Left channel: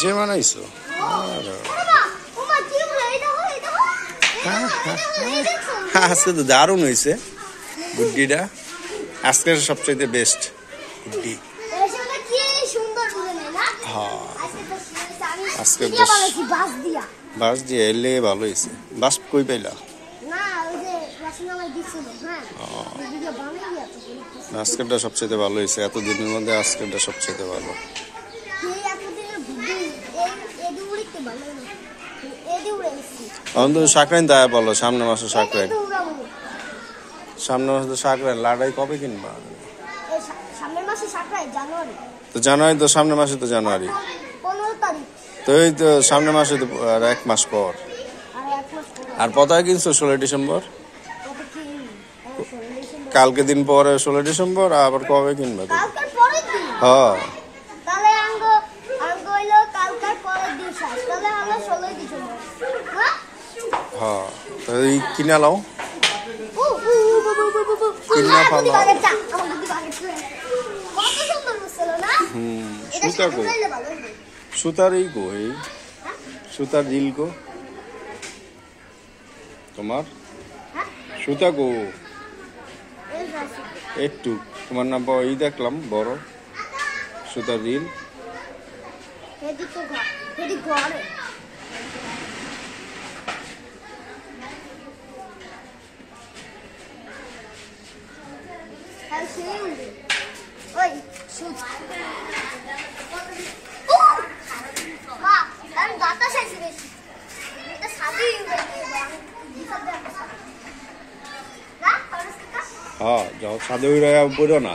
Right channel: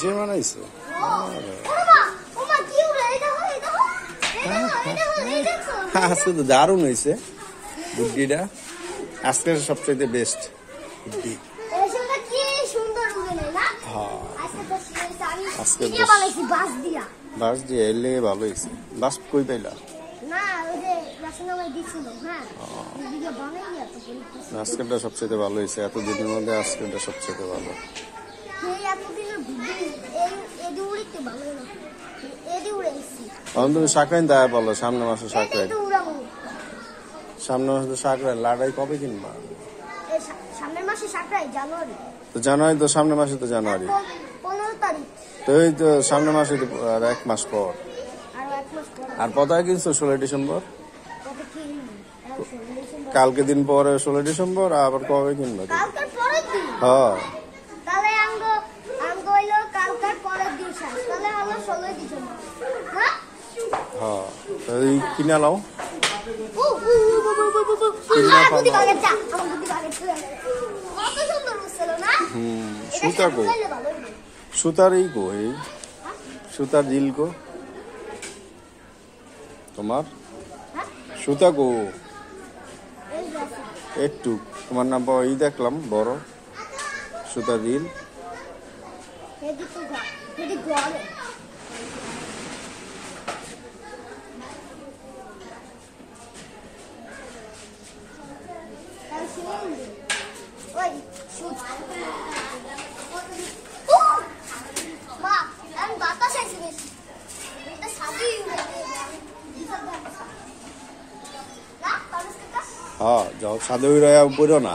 নিজে বানাইছো? আজকে তো দারুণ হয়েছে গুড্ডিটা, আজকের সবচেয়ে বেস্ট গুড্ডি। হ্যাঁ আজকে বাস দিয়ে এলে ভালো হয়েছে। বাস কই পাইলা? আজকেরটা সবচেয়ে ভালো হয়েছে, এতদিনের মধ্যে আজকেরটা সবচেয়ে ভালো। সাকরাইন দায় বলো, সামনে মাসে সাকরাইন, সামনে মাসে তো সাকরাইন। লাড়াই কবে কিনবা? তো জানুয়ারি, তো সামনের মাসে তো জানুয়ারি, তো এই তো সামনের মাসে তো আর 1 মাস পর। আর পতাকা কিনছো 16 ডিসেম্বর, কালকে দিন পরে 16 ডিসেম্বর, আবার কবে কিনবা তুমি? হ্যাঁ হ্যাঁ, তো এই কিনা লাও, কিনা ফালাও। সুতা গো, সুতার এই গো, এই সুতার রিল গো তোমার, সুতা গো একটু তোমার না এই দেখলাম বড় সুতার রিল। হ্যাঁ যাও সাদে পড়ো না।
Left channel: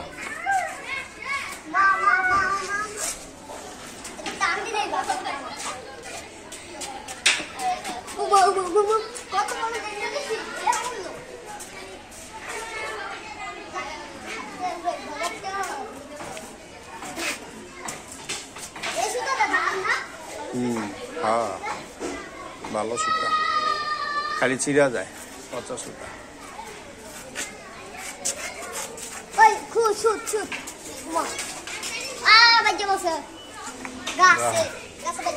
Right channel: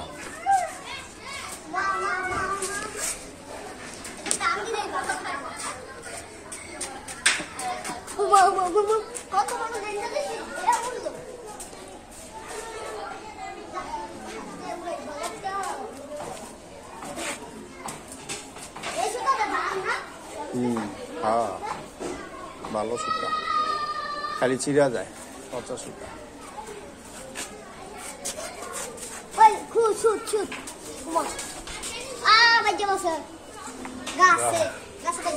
হ্যাঁ ভালো সুতা, খালি ছিঁড়া যায়, পচা সুতা।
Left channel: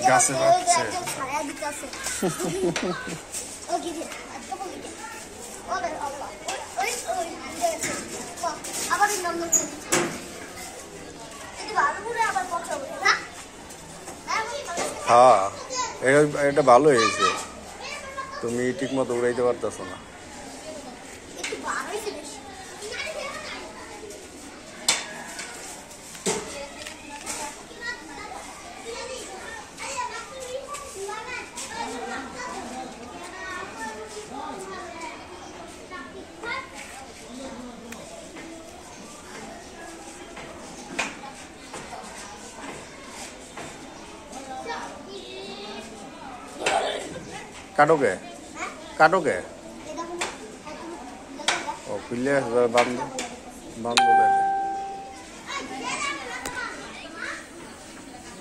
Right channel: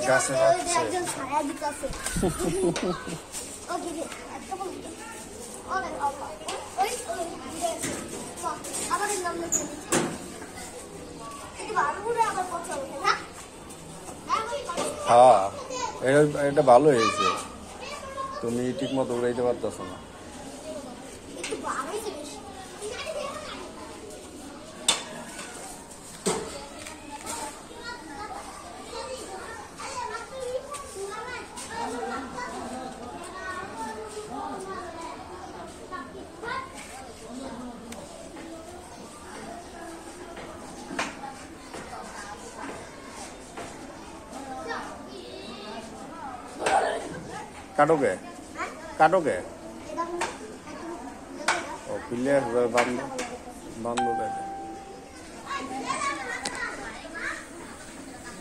গাছে বাজছে। হ্যাঁ এটা ভালো হয়েছে, তুমি ঠিক মতো উড়াইতে পারতেছো না। কাটোকে কাটোকে ও খুললে বান্ধব বান্ধব।